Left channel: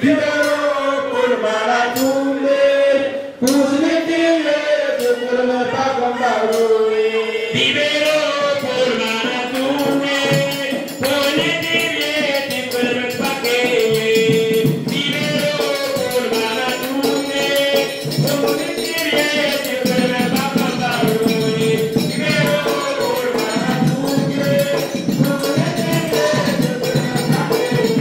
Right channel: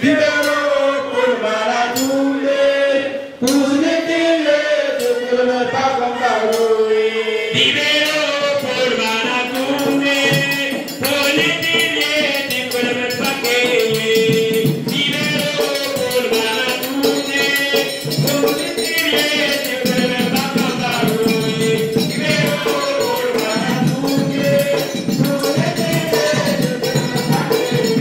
libéraux pour Maradoumé, pour les télés, pour ne pas combattre. Libéraux pour Maradoumé, pour les télés, pour ne pas créer. Libéraux pour Maradoumé, pour les télés, pour ne pas combattre. Libéraux pour Maradoumé, pour les télés, pour ne pas créer.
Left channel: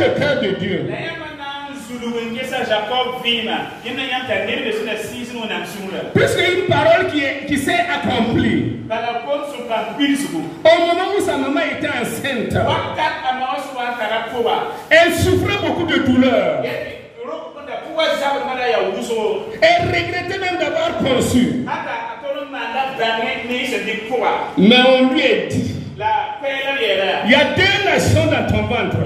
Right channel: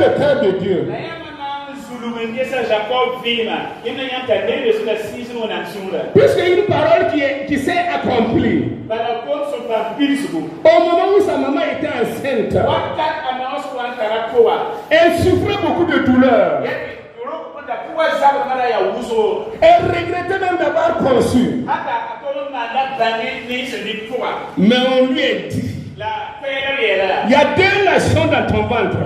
le cœur de Dieu. Puisqu'il y a une parole qui s'est accomplie. Au moment où sa maman était enceinte, elle souffrait beaucoup de douleur. Elle regrettait même d'avoir conçu. Mais on lui a dit, il y a 2 nations dans ton ventre.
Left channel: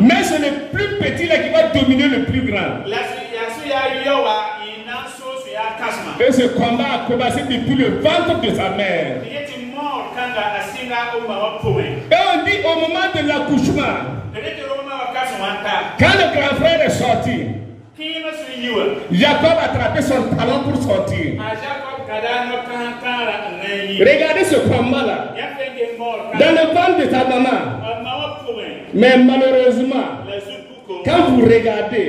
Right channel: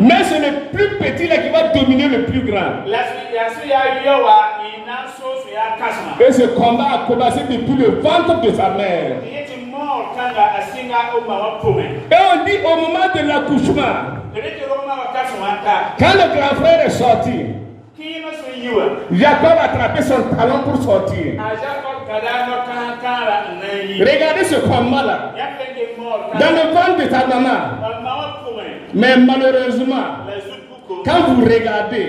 Mais c'est le plus petit là qui va dominer le plus grand. Et ce combat a commencé depuis le ventre de sa mère. Et on dit au moment de l'accouchement, quand le grand frère est sorti, Jacob a attrapé son talon pour sortir. Regardez ce combat-là. Dans le ventre de ta maman. Mais malheureusement, quand vous regardez,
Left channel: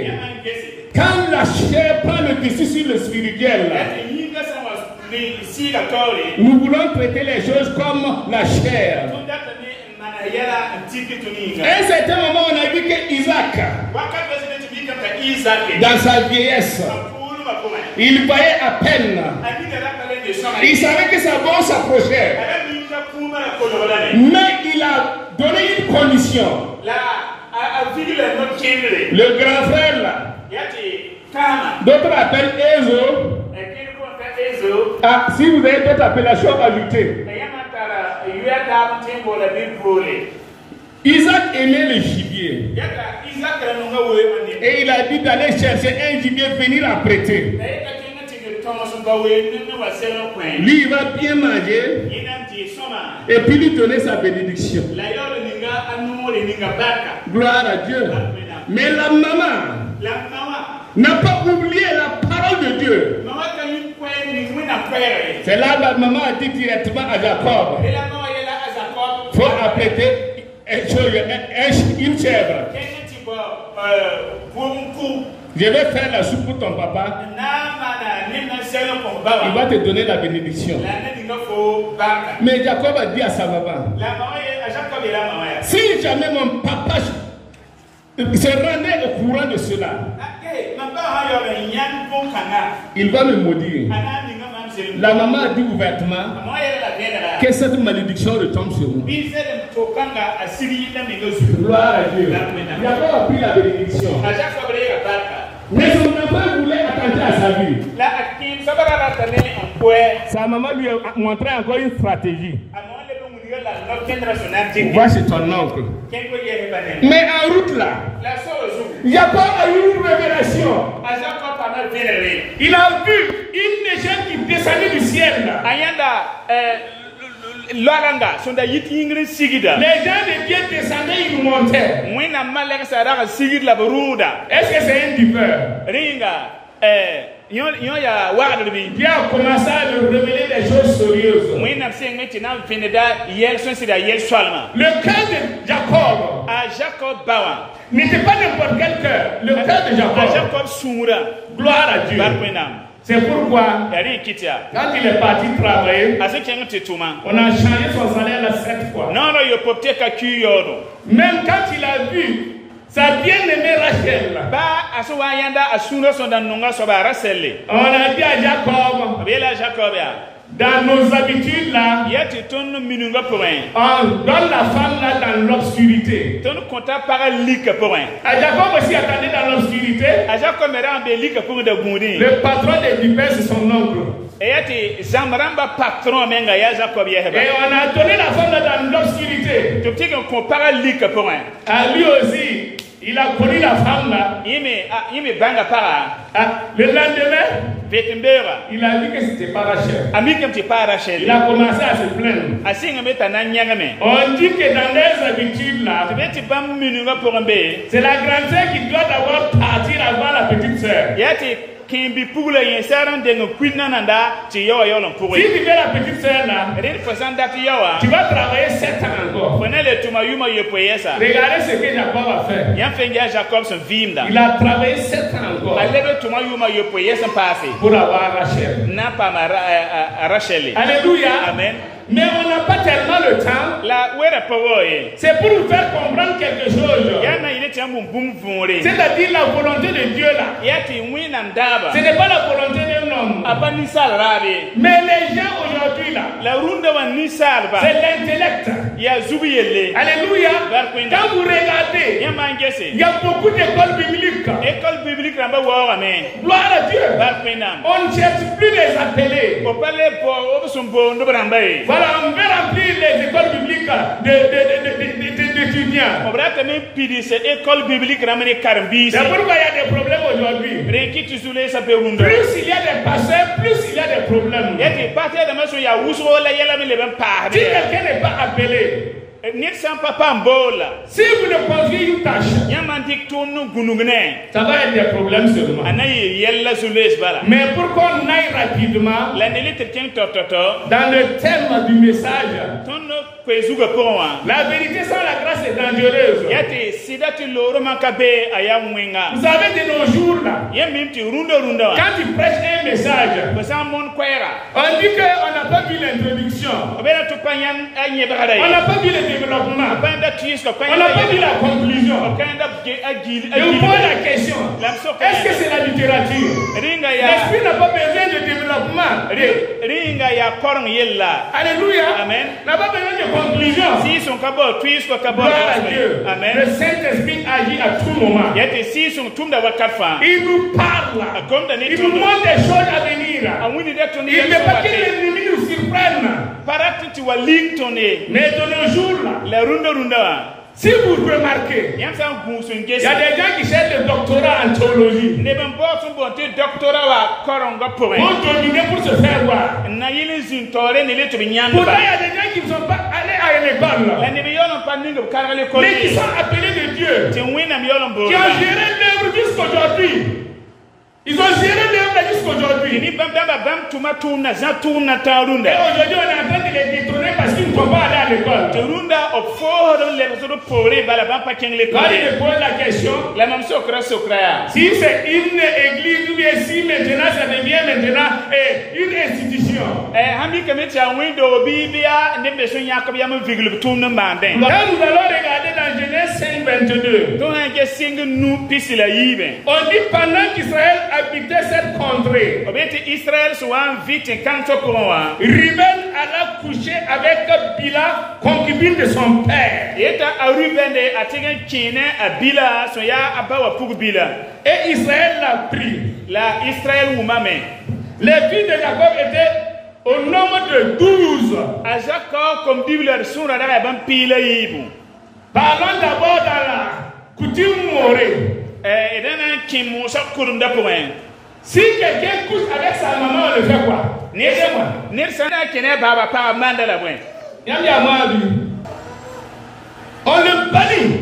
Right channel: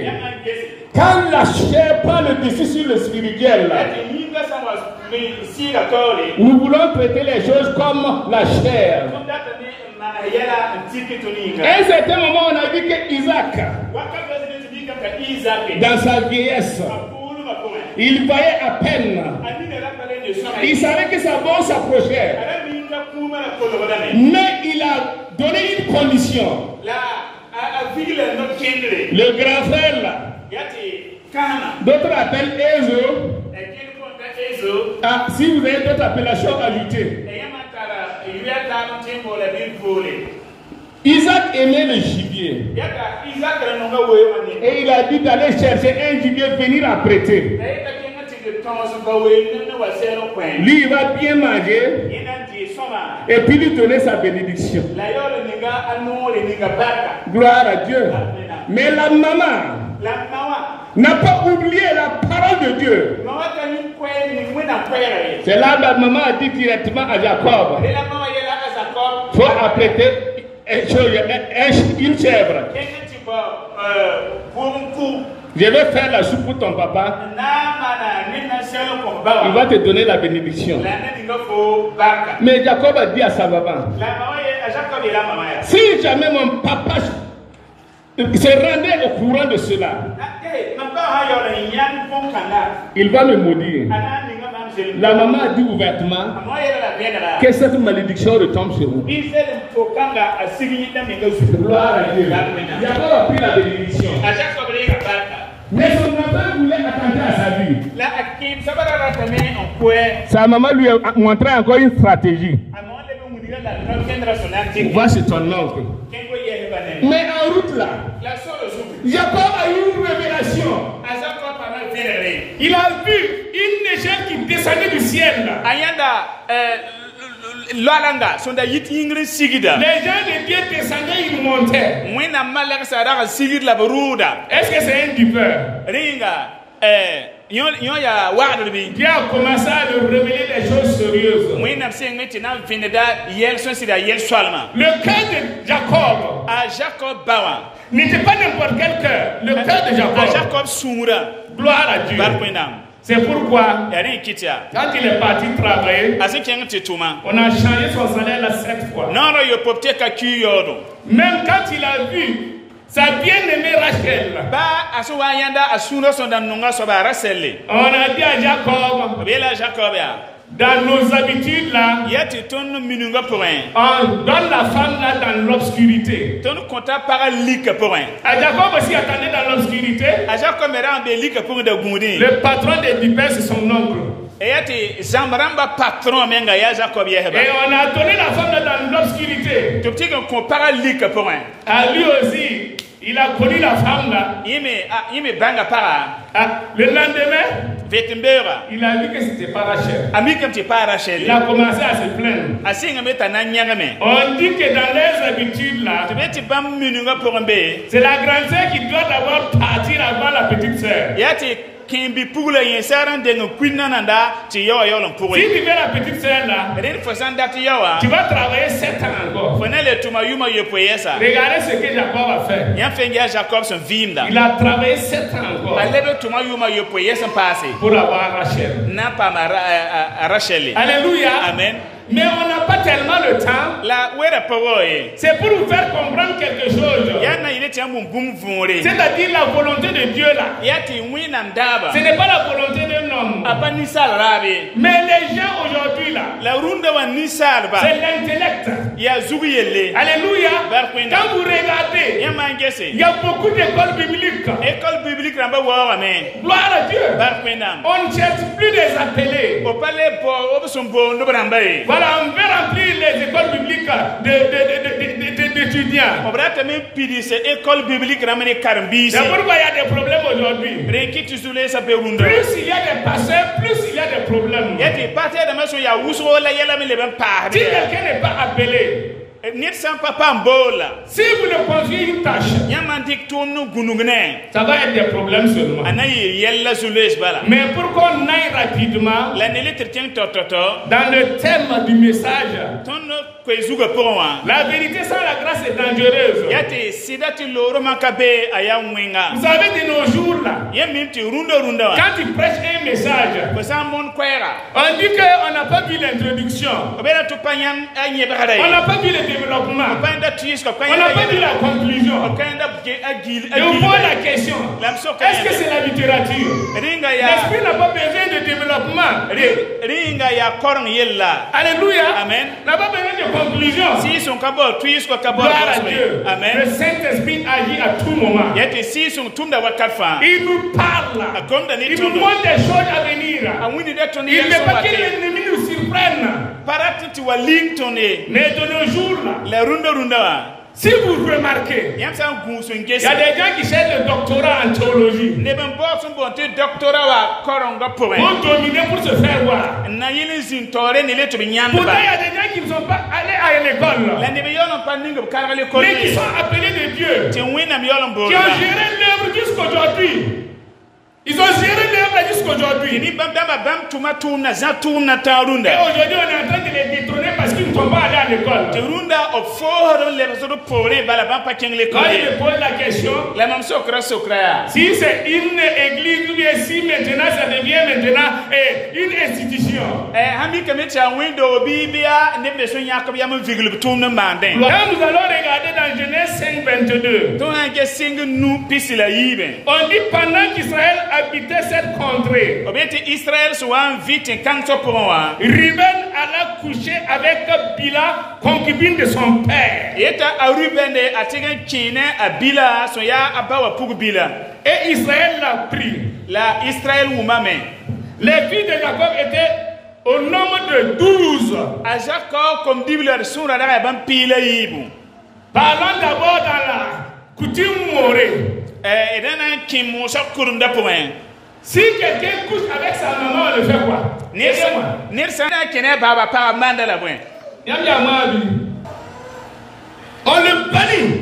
quand la chair prend le dessus sur le spirituel, nous voulons traiter les choses comme la chair. À un certain moment, on a vu que Isaac, dans sa vieillesse, il voyait à peine. Il savait que sa mort s'approchait. Mais il a donné une condition. Le grand frère là, d'autres appellent Ezo. Ah, si vous avez d'autres appellations, ajoutez. Isaac aimait le gibier. Et il a dit d'aller chercher un gibier, venir apprêter. Lui, il va bien manger et puis lui donner sa bénédiction. Gloire à Dieu. Mais la maman n'a pas oublié la parole de Dieu. C'est là que la maman a dit directement à Jacob, il faut apprêter une chèvre. Je vais faire la soupe pour ton papa. Il va te donner la bénédiction. Mais Jacob a dit à sa maman, si jamais mon papa se rendait au courant de cela, il va me maudire. La maman a dit ouvertement que cette malédiction retombe sur vous. Gloire à Dieu. Jacob a pris la bénédiction. Mais son papa voulait attenter à sa vie. Sa maman lui a montré encore une stratégie. Va chez ton oncle. Mais en route là, Jacob a eu une révélation. Il a vu une légende qui descendait du ciel. Les gens de Dieu descendaient, ils montaient. Est-ce que c'est un dupeur qui a commencé à lui révéler des choses sérieuses? Le cœur de Jacob n'était pas n'importe quel cœur. Le cœur de Jacob. Gloire à Dieu. C'est pourquoi, quand il est parti travailler, on a changé son salaire 7 fois. Même quand il a vu sa bien-aimée Rachel, on a dit à Jacob, dans nos habitudes là, on donne la femme là dans l'obscurité. À Jacob aussi attendait dans l'obscurité. Le patron des vipères c'est son oncle. Et on a donné la femme là dans l'obscurité. À lui aussi. Il a connu la femme là. Le lendemain, il a dit que c'était pas Rachel. Il a commencé à se plaindre. On dit que dans les habitudes là, c'est la grande sœur qui doit d'abord partir avant la petite sœur. Si tu veux la petite sœur là, tu vas travailler 7 ans encore. Regardez ce que Jacob a fait. Il a travaillé 7 ans encore pour avoir Rachel. Rachel. Alléluia. Amen. Mais on n'a pas tellement le temps. C'est pour vous faire comprendre quelque chose. C'est-à-dire la volonté de Dieu là. Ce n'est pas la volonté d'un homme. Mais les gens aujourd'hui là, c'est l'intellect. Alléluia. Quand vous regardez, il y a beaucoup d'écoles bibliques. Gloire à Dieu. On ne cherche plus les appeler. Voilà, on veut remplir les écoles bibliques d'étudiants. C'est pourquoi il y a des problèmes aujourd'hui. Plus il y a des pasteurs, plus il y a des problèmes. Si quelqu'un n'est pas appelé, si vous ne confiez une tâche, ça va être des problèmes seulement. Mais pour qu'on aille rapidement dans le thème du message, la vérité sans la grâce est dangereuse. Vous savez, de nos jours là, quand tu prêches un message, on dit qu'on n'a pas vu l'introduction, on n'a pas vu le développement, on n'a pas vu la conclusion. Et on pose la question, est-ce que c'est la littérature? L'esprit n'a pas besoin de développement. Alléluia. Amen. N'a pas besoin de conclusion. Gloire à Dieu. Amen. Le Saint-Esprit agit à tout moment. Il nous parle. Il nous montre des choses à venir. Il ne pas que l'ennemi nous surprenne. Mais de nos jours là, si vous remarquez, il y a des gens qui cherchent le doctorat en théologie. Vont dominer pour se faire voir. Pourtant, il y a des gens qui ne sont pas allés à l'école, mais qui sont appelés de Dieu, qui ont géré l'œuvre jusqu'aujourd'hui. Ils ont géré l'œuvre jusqu'aujourd'hui. Et aujourd'hui, on est en train de les détourner parce qu'ils ne sont pas allés à l'école. Quand je pose la question, si c'est une église ou bien si maintenant ça devient maintenant une institution. Quand nous allons regarder dans Genèse 5:22, on dit pendant qu'Israël habitait cette contrée, Ruben alla coucher avec Bila, concubine de son père. Et Israël l'a pris. Les filles de Jacob étaient au nombre de 12. Parlons d'abord dans la coutume morée. Si quelqu'un couche avec sa maman, on le fait quoi? On le bannit.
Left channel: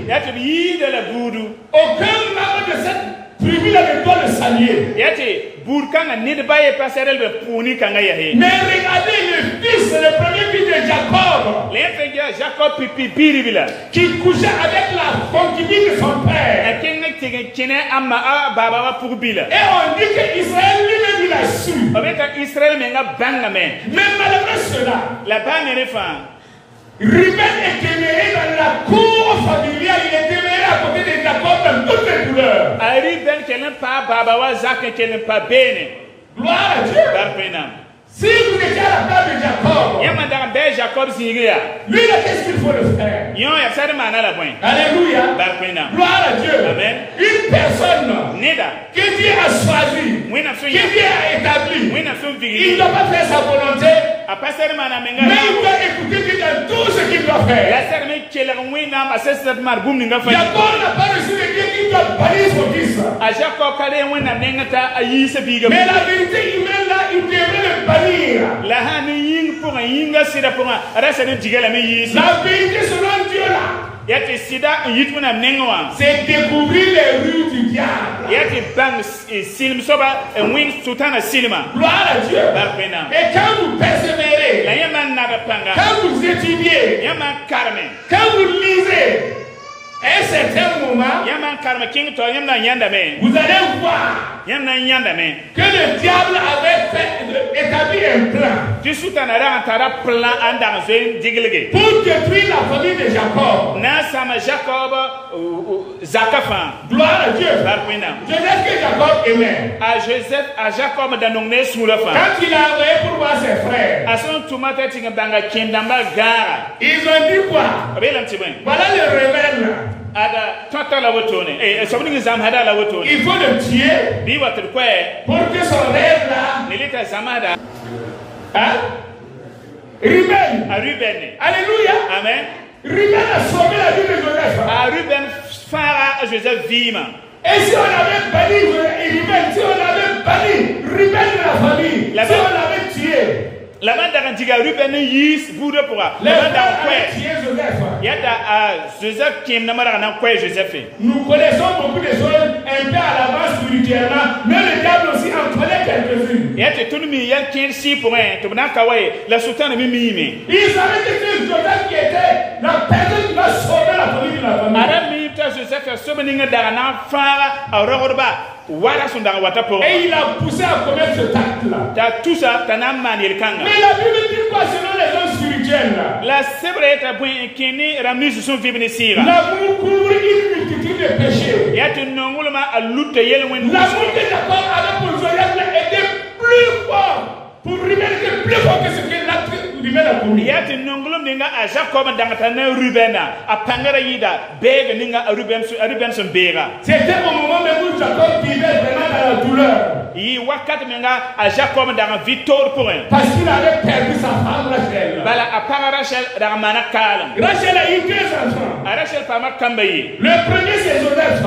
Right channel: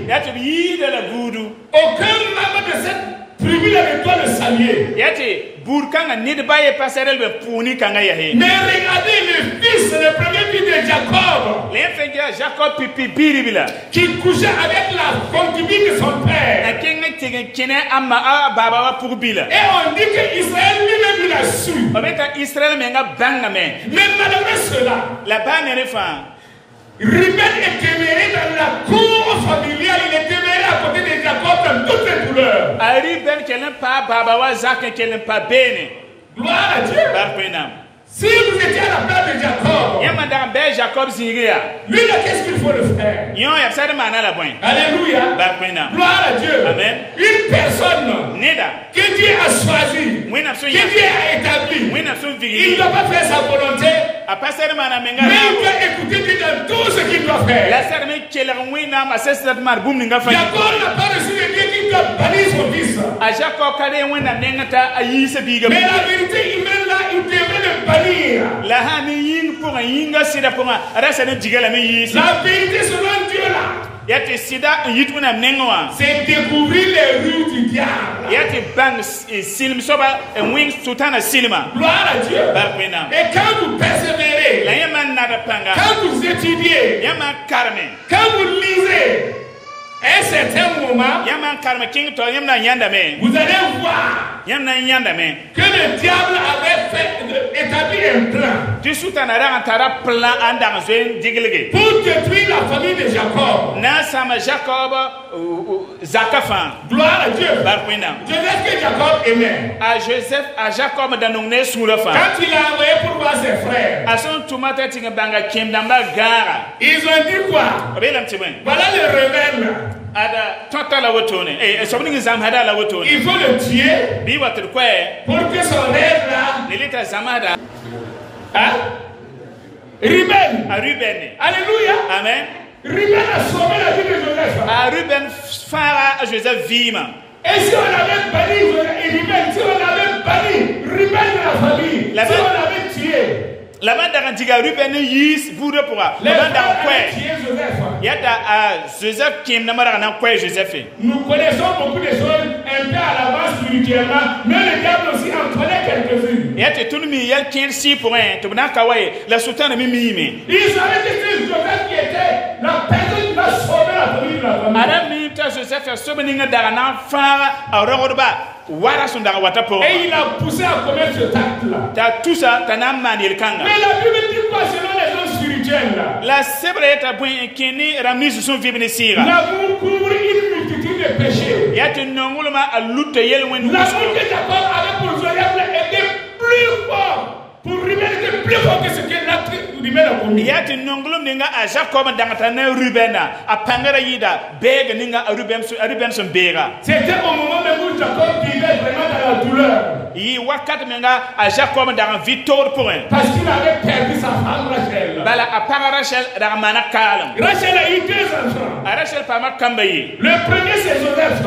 Aucun membre de cette tribu n'avait pas le saluer. Mais regardez le fils, le premier fils de Jacob, qui couchait avec la concubine de son père. Et on dit qu'Israël lui-même il a su. Mais malgré cela, Ruben est demeuré dans la cour familiale, il est demeuré à côté de Jacob dans toutes les douleurs. Gloire à Dieu. Si vous étiez à la table de Jacob, lui là, qu'est-ce qu'il faut le faire? Alléluia. Gloire à Dieu. Amen. Une personne qui Dieu a choisi, qui Dieu a établi, il ne doit pas faire sa volonté, mais il doit écouter Dieu dans tout ce qu'il doit faire. Jacob n'a pas reçu de Dieu qui doit bannir son fils. Mais la vérité humaine là, il devrait le bannir. La vérité selon Dieu là, c'est découvrir les rues du diable. Gloire à Dieu. Et quand vous persévérez, quand vous étudiez, quand vous lisez, à un certain moment, vous allez voir que le diable avait fait établi un plan pour détruire la famille de Jacob. Gloire à Dieu. Joseph que Jacob aimait. Quand il a envoyé pour voir ses frères, ils ont dit quoi? Voilà le rebelle là. Il faut le tuer pour que son rêve là. Hein? Ruben. Alléluia. Amen. Ruben a sauvé la vie de Joseph. Et si on avait banni Ruben, si on avait banni Ruben de la famille, si on l'avait tué, la bande d'Antiga Ruben yis bourre pour la bande Joseph qui n'a pas Joseph. Nous connaissons beaucoup de choses un peu à l'avance spirituellement, mais le diable aussi en connaît quelques-unes. Il y a tout le monde qui est ici pour un la sultane Mimi. Il savait que c'est Joseph qui était la personne qui va sauver la famille de la famille. Madame Joseph a sauvé d'Ana Fara à Roba. Et il a poussé à commettre ce acte-là. Mais la Bible dit quoi selon les gens spirituels là? L'amour couvre une multitude de péchés. L'amour que Jacob avait pour Joseph était plus fort. Pour Ruben était plus fort que ce qu'il a Ruben a pour lui. C'était au moment où Jacob vivait vraiment dans la douleur. Parce qu'il avait perdu sa femme Rachel. Rachel a eu 2 enfants. Le premier c'est Joseph.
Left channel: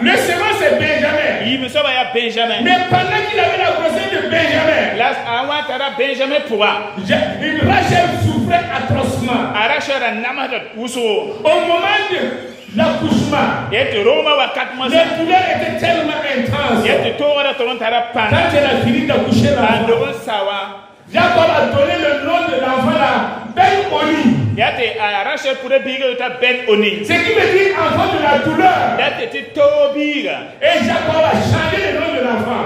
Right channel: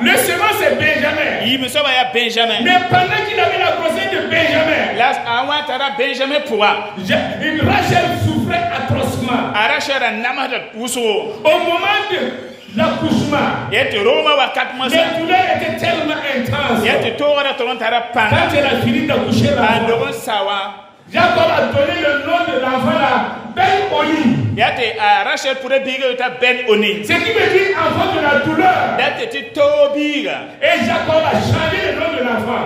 Le second c'est Benjamin. Mais pendant qu'il avait la grossesse de Benjamin, Rachel souffrait atrocement. Au moment de l'accouchement, les douleurs étaient tellement intenses. Quand elle a fini d'accoucher l'enfant, Jacob a donné le nom de l'enfant là, Ben-Oni. Ce qui veut dire enfant de la douleur. Et Jacob a changé le nom de l'enfant.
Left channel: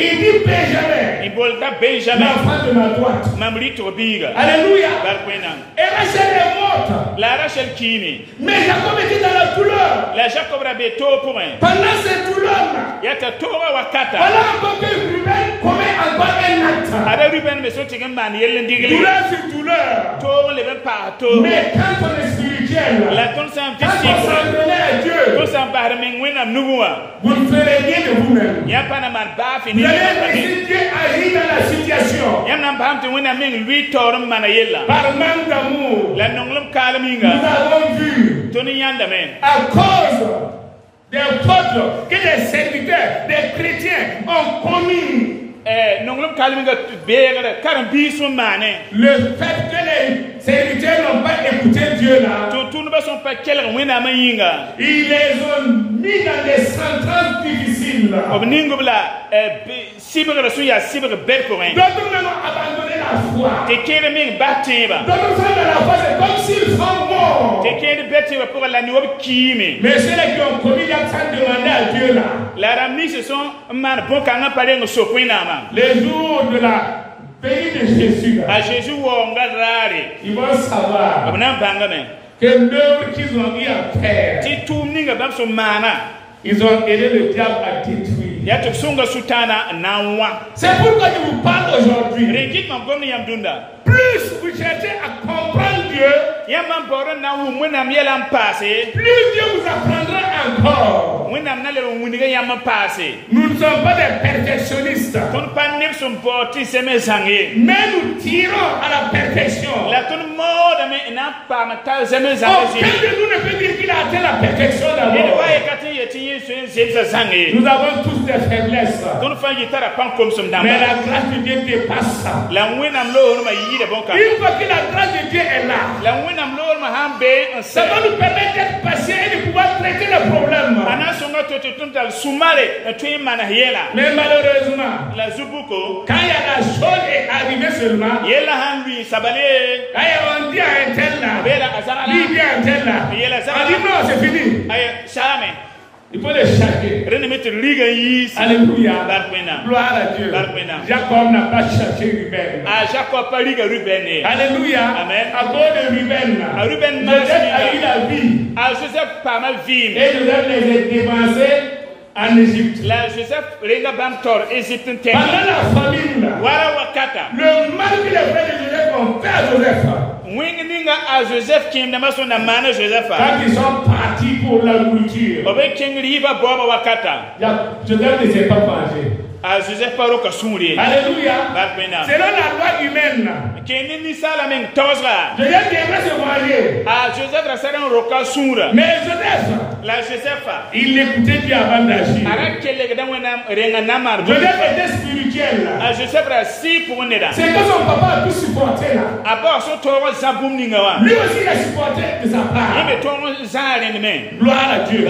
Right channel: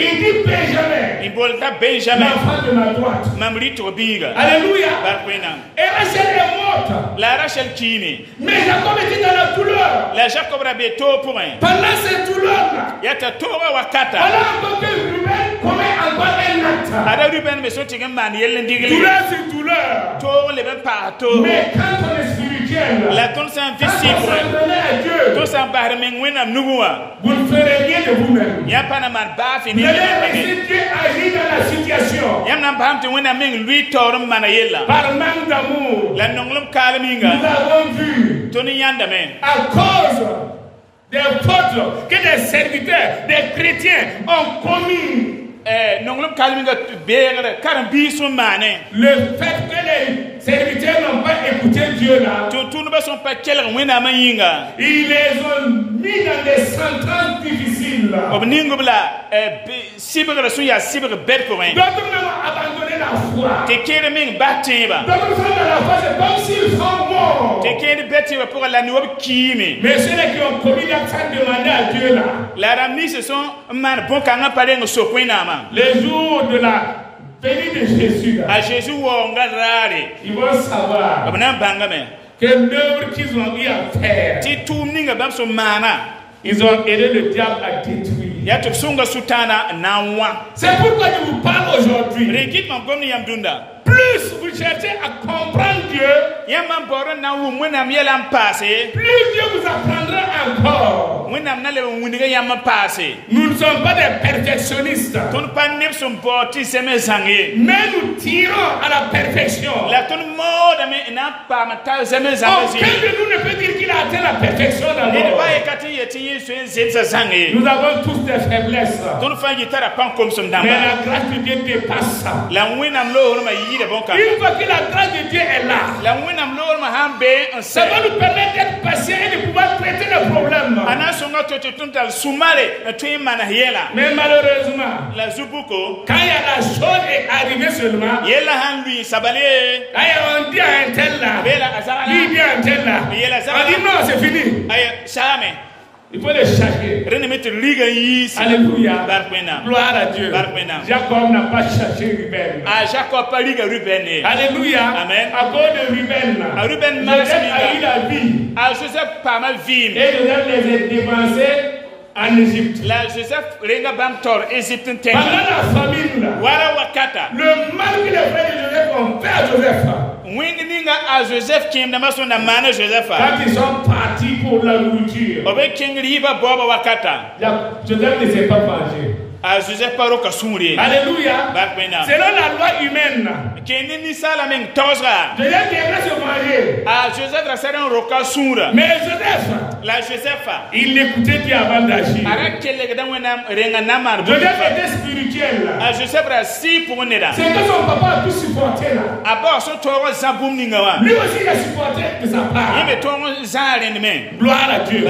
Il dit Benjamin. L'enfant de la droite. Alléluia. Et Rachel est morte. Mais Jacob était dans la douleur. Pendant cette douleur là, voilà encore que Ruben commet encore un acte. Douleur sur douleur. Mais quand on est spirituel, quand on s'en donnait à Dieu, vous ne ferez rien de vous-même. Vous allez laisser Dieu agir dans la situation. Par manque d'amour, nous avons vu à cause des fautes que les serviteurs, des chrétiens ont commis. Le fait que les serviteurs n'ont pas écouté Dieu là, ils les ont mis dans des sentences difficiles là. D'autres même ont abandonné la foi. D'autres sont dans la foi, c'est comme s'ils sont morts. Mais ceux qui ont commis l'acte sans demander à Dieu là, les jours de la venue de Jésus là, ils vont savoir que l'œuvre qu'ils ont eu à faire, ils ont aidé le diable à détruire. C'est pourquoi je vous parle aujourd'hui. Plus vous cherchez à comprendre Dieu, plus Dieu vous apprendra encore. Nous ne sommes pas des perfectionnistes, mais nous tirons à la perfection. Aucun de nous ne peut dire qu'il a atteint la perfection d'abord. Nous avons tous des faiblesses, mais la grâce de Dieu dépasse ça. Une fois que la grâce de Dieu est là, ça va nous permettre d'être patients et de pouvoir traiter le problème. Mais malheureusement, quand la chose est arrivée seulement, quand on dit à un tel là, il dit à un tel là, on dit non, c'est fini. Il faut les chercher. Alléluia. Gloire à Dieu. Jacob n'a pas cherché Ruben. Alléluia. Amen. À cause de Ruben, Joseph a eu la vie. Et Joseph les a dépensés en Égypte. Pendant la famine, le mal que les frères de Joseph ont fait à Joseph. Quand ils sont partis pour la nourriture, Joseph ne s'est pas mangé. Alléluia. C'est dans la loi humaine. Joseph devrait se manger. Mais Joseph, il l'écoutait bien avant d'agir. Joseph était spirituel. C'est que son papa a pu supporter là. Lui aussi il a supporté de sa part. Gloire à Dieu.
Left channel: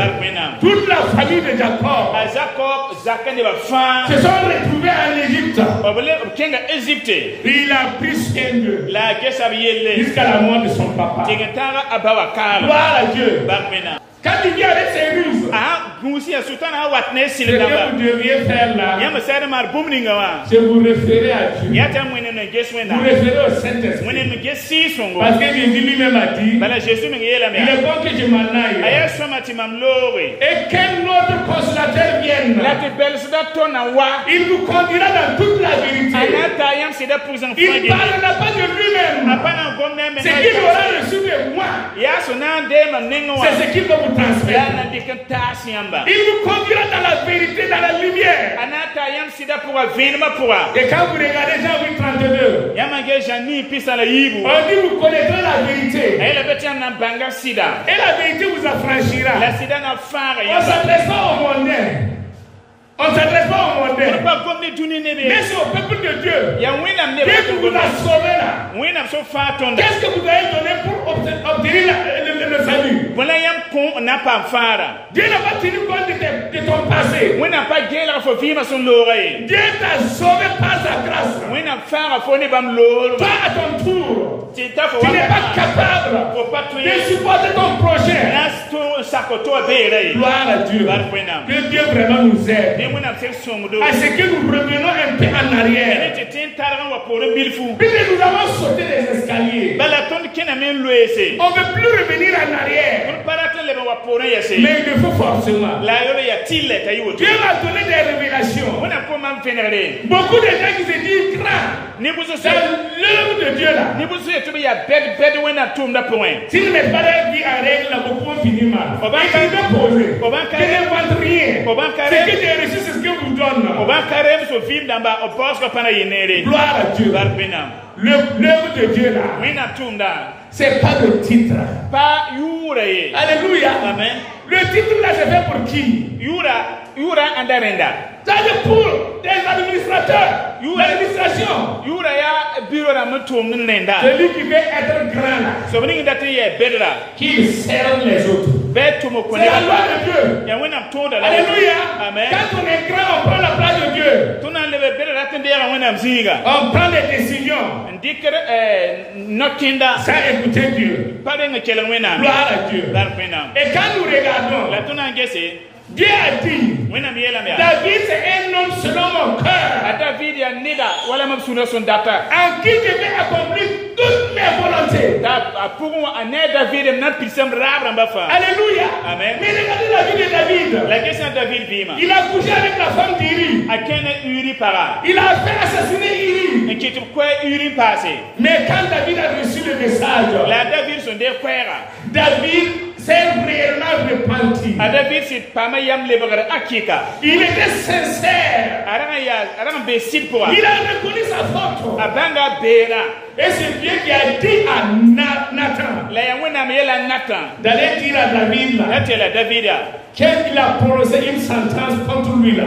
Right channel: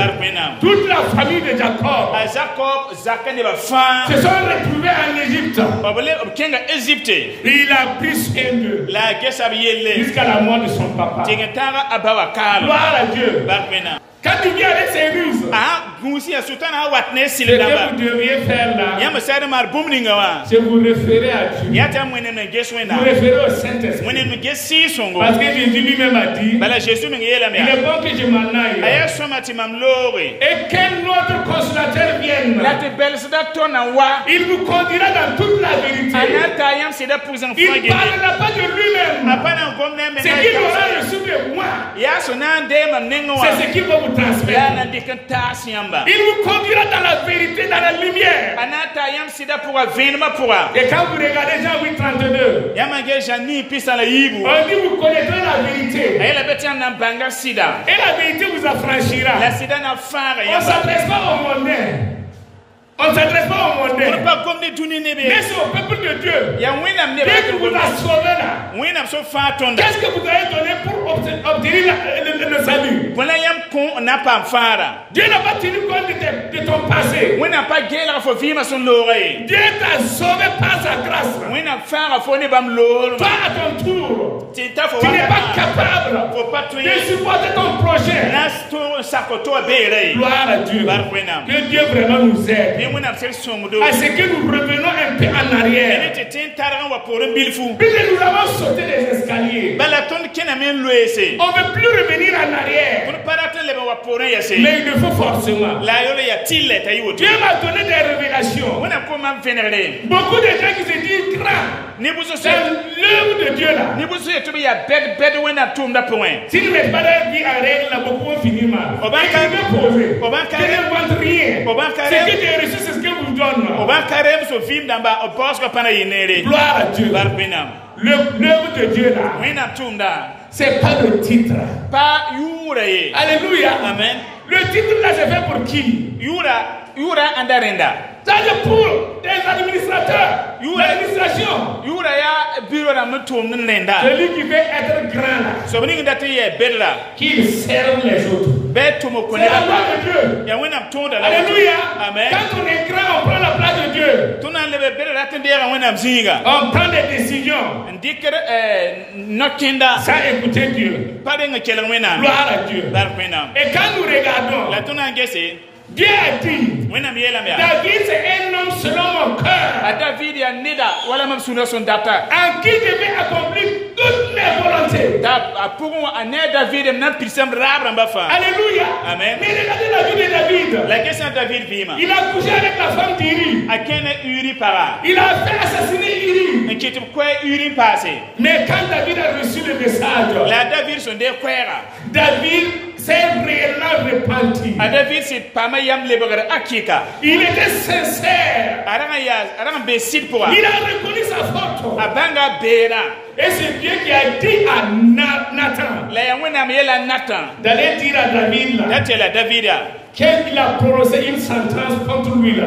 Toute la famille de Jacob se sont retrouvés en Égypte. Il a pris soin d'eux jusqu'à la mort de son papa. Gloire à Dieu. Quand tu viens avec ces ruses, ce que vous devriez faire là, c'est vous référer à Dieu. Vous référez au Saint-Esprit. Parce que Jésus lui-même a dit, il est bon que je m'en aille. Et qu'un autre consolateur vienne. Il vous conduira dans toute la vérité. Il ne parlera pas de lui-même. Ce qu'il aura reçu de moi, c'est ce qu'il va vous transmettre. Il vous conduira dans la vérité, dans la lumière. Et quand vous regardez Jean 8:32, on dit vous connaîtrez la vérité. Et la vérité vous affranchira. On ne s'adresse pas au mondain. On ne s'adresse pas au mondain. Mais c'est au peuple de Dieu. Dès que vous la sauvez là, qu'est-ce que vous allez donner pour obtenir le salut? Dieu n'a pas tenu compte de ton passé. Dieu t'a sauvé par sa grâce. Toi à ton tour, tu n'es pas capable de supporter ton projet. Gloire à Dieu. Que Dieu vraiment nous aide. À ce que nous revenons un peu en arrière. Puisque nous avons sauté les escaliers, on ne veut plus revenir en arrière. Mais il me faut forcément. Dieu m'a donné des révélations. Beaucoup de gens qui se disent grands. C'est l'œuvre de Dieu là. S'il n'est pas dit en règle, beaucoup vont finir mal. Je vais poser. Je ne demande rien. Ce que tu as reçu, c'est ce que vous donne. Gloire à Dieu. L'œuvre de Dieu là, c'est pas le titre. Alléluia. Amen. Le titre là, c'est fait pour qui? C'est pour des administrateurs. L'administration. Celui qui veut être grand là, qui sert les autres. C'est la loi de Dieu. Alléluia. Amen. Quand on est grand, on prend la place de Dieu. On prend des décisions sans écouter Dieu. Gloire à Dieu. Et quand nous regardons, Dieu a dit, David c'est un homme selon mon cœur, en qui je vais accomplir toutes mes volontés. Alléluia. Amen. Mais regardez la vie de David. Il a couché avec la femme d'Uri. Il a fait assassiner Uri. Mais quand David a reçu le message, David s'est réellement repenti. Il était sincère. Il a reconnu sa faute. Et c'est Dieu qui a dit à Nathan d'aller dire à David qu'il a prononcé une sentence contre lui là.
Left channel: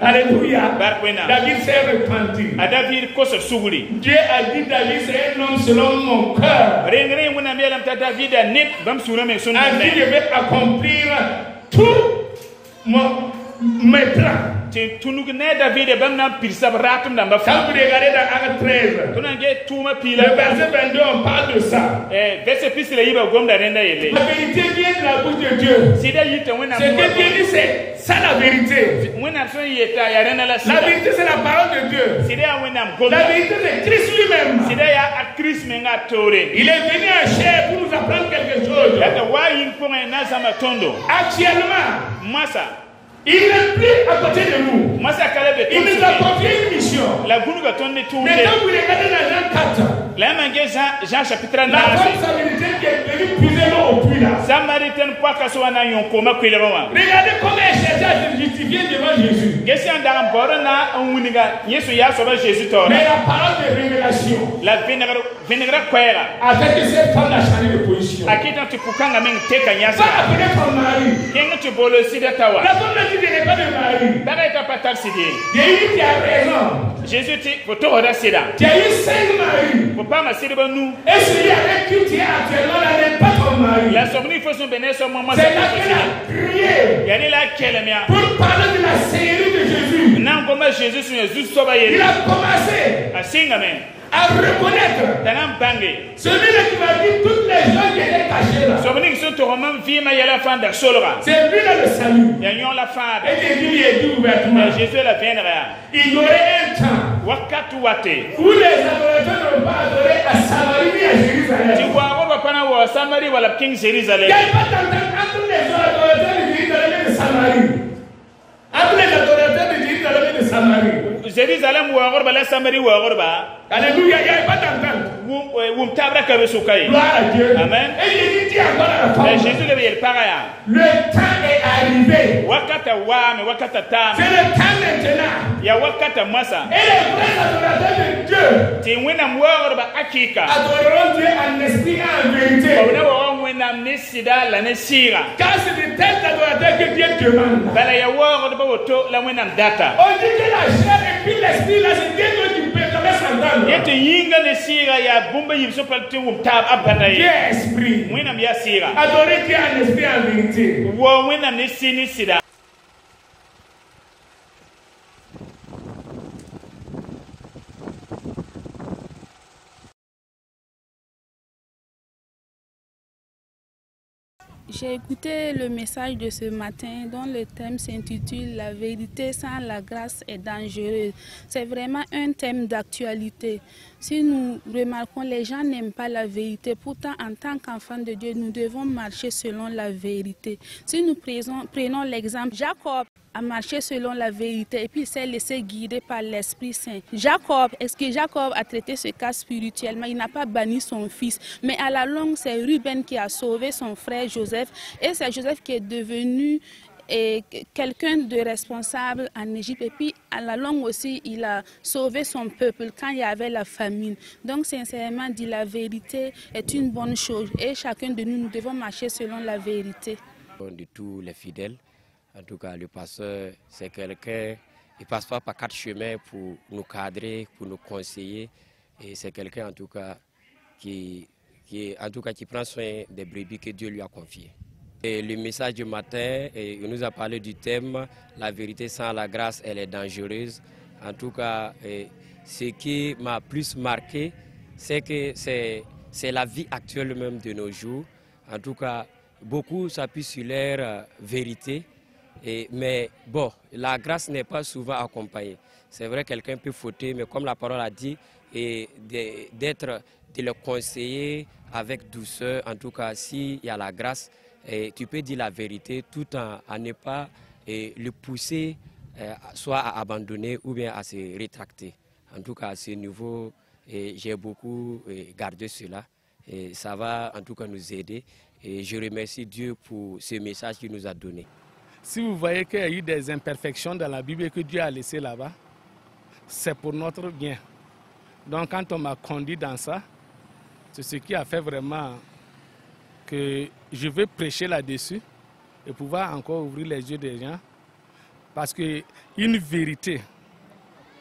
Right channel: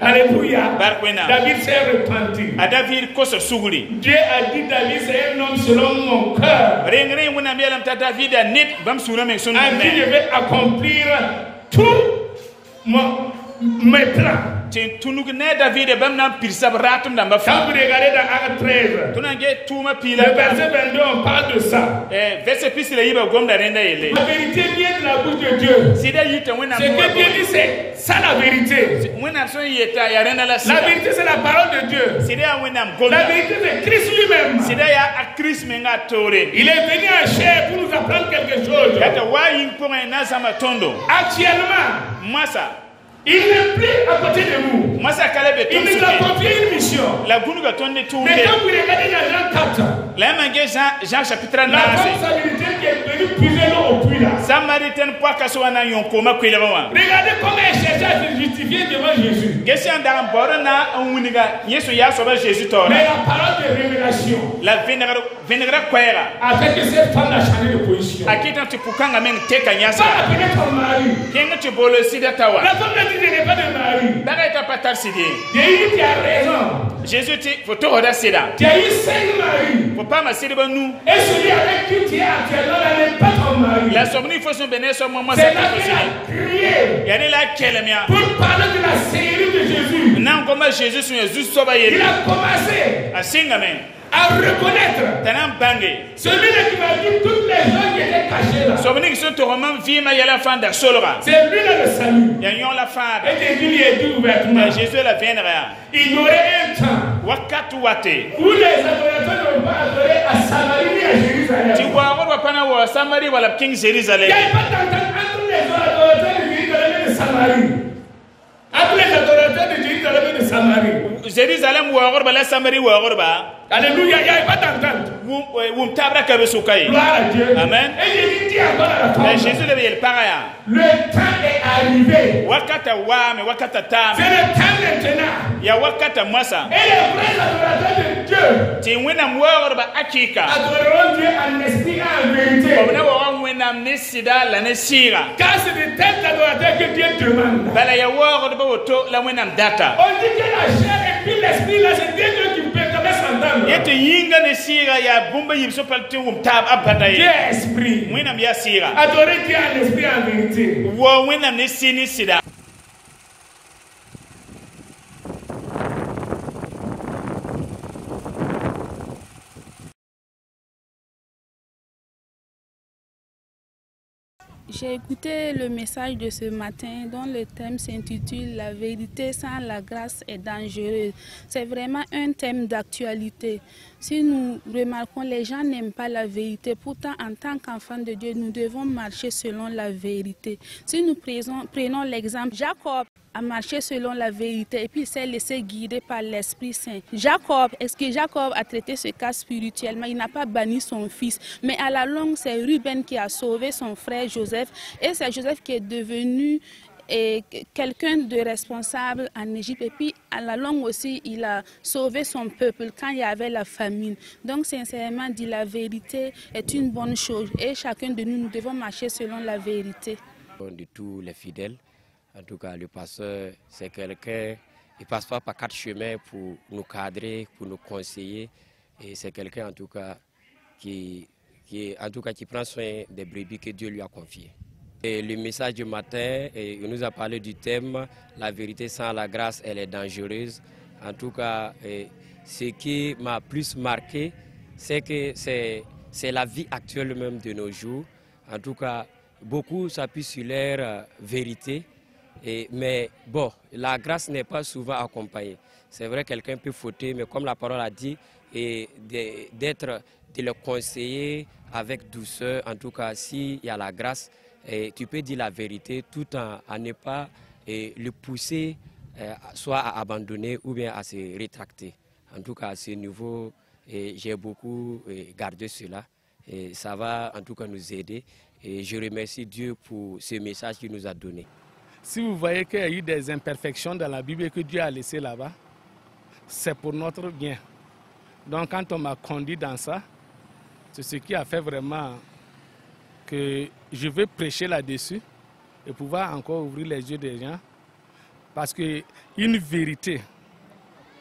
Alléluia. David s'est repenti. Dieu a dit David c'est un homme selon mon cœur. En qui je vais accomplir tout mes plans. Quand vous regardez dans Acte 13, le verset 22, on parle de ça. La vérité vient de Dieu. Ce que Dieu dit, c'est ça la vérité. La vérité, c'est la parole de Dieu. La vérité, c'est Christ lui-même. Il est venu en chair pour nous apprendre quelque chose. Actuellement, il n'est plus à côté de vous. Il nous a confié une mission. Mais quand vous regardez dans Jean 4, la femme samaritaine qui est venue puiser l'eau au puits là. Regardez comment elle cherchait à se justifier devant Jésus. Mais la parole de révélation a fait que cette femme a changé de position. Pas appeler son mari. La femme a dit qu'il n'est pas de mari. Jésus, tu as raison. Jésus dit, faut tout tu as eu 5 maris. faut pas m'assurer de nous. Et celui avec qui tu es actuellement là n'est pas ton mari. La sommée, il faut se bénir sur moi. C'est là qu'il a crié pour parler de la série de Jésus. Non, comment Jésus il a commencé à reconnaître celui-là qui va dire toutes les gens qui étaient cachés là. C'est lui-là le salut. Et Jésus lui est tout ouvertement. Il y aurait un temps où les adorateurs n'ont pas adoré à Samarie ni à Jérusalem. Il n'y a pas d'entente entre les adorateurs de Jérusalem et de Samarie. Entre les adorateurs de Jérusalem et de Samarie. Alléluia, il n'y a pas d'entente. Gloire à Dieu. Amen. Et Jésus dit encore à la femme, le temps est arrivé. C'est le temps maintenant. Et les vrais adorateurs de Dieu adoreront Dieu en esprit et en vérité. Car c'est de tels adorateurs que Dieu demande. On dit que la chair et puis l'esprit, là, c'est Dieu qui peut jamais s'entendre. Dieu est esprit. Adorer Dieu en esprit et en vérité. J'ai écouté le message de ce matin dont le thème s'intitule « La vérité sans la grâce est dangereuse ». C'est vraiment un thème d'actualité. Si nous remarquons, les gens n'aiment pas la vérité. Pourtant, en tant qu'enfants de Dieu, nous devons marcher selon la vérité. Si nous prenons l'exemple, Jacob a marché selon la vérité et puis il s'est laissé guider par l'Esprit Saint. Est-ce que Jacob a traité ce cas spirituellement? Il n'a pas banni son fils. Mais à la longue, c'est Ruben qui a sauvé son frère Joseph. Et c'est Joseph qui est devenu quelqu'un de responsable en Égypte. Et puis, à la longue aussi, il a sauvé son peuple quand il y avait la famine. Donc, sincèrement dit, la vérité est une bonne chose. Et chacun de nous, nous devons marcher selon la vérité. De tous les fidèles, en tout cas, le pasteur, c'est quelqu'un, il ne passe pas par 4 chemins pour nous cadrer, pour nous conseiller. Et c'est quelqu'un, en tout cas, qui prend soin des brebis que Dieu lui a confiées. Et le message du matin, il nous a parlé du thème « La vérité sans la grâce, elle est dangereuse ». En tout cas, ce qui m'a plus marqué, c'est que c'est la vie actuelle même de nos jours. En tout cas, beaucoup s'appuient sur leur vérité. Mais bon, la grâce n'est pas souvent accompagnée. C'est vrai, quelqu'un peut fauter, mais comme la parole a dit, de le conseiller avec douceur. En tout cas, s'il y a la grâce, tu peux dire la vérité tout en ne pas le pousser soit à abandonner ou bien à se rétracter. En tout cas, à ce niveau, j'ai beaucoup gardé cela. Et ça va en tout cas nous aider. Et je remercie Dieu pour ce message qu'il nous a donné. Si vous voyez qu'il y a eu des imperfections dans la Bible que Dieu a laissées là-bas, c'est pour notre bien. Donc quand on m'a conduit dans ça, c'est ce qui a fait vraiment que je veux prêcher là-dessus et pouvoir encore ouvrir les yeux des gens. Parce qu'une vérité,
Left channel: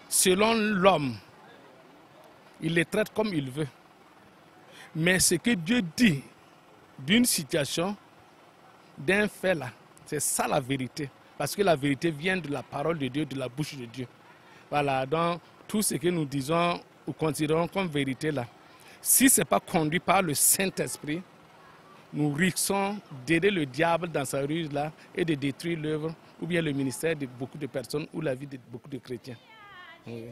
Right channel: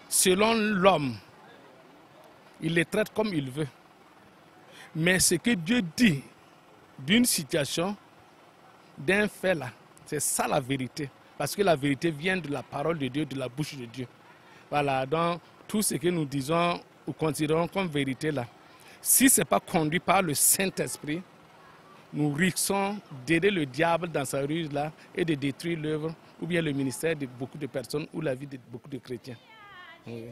selon l'homme, il les traite comme il veut. Mais ce que Dieu dit d'une situation, d'un fait là, c'est ça la vérité. Parce que la vérité vient de la parole de Dieu, de la bouche de Dieu. Voilà, donc tout ce que nous disons ou considérons comme vérité là, si ce n'est pas conduit par le Saint-Esprit, nous risquons d'aider le diable dans sa ruse là et de détruire l'œuvre ou bien le ministère de beaucoup de personnes ou la vie de beaucoup de chrétiens. Oui.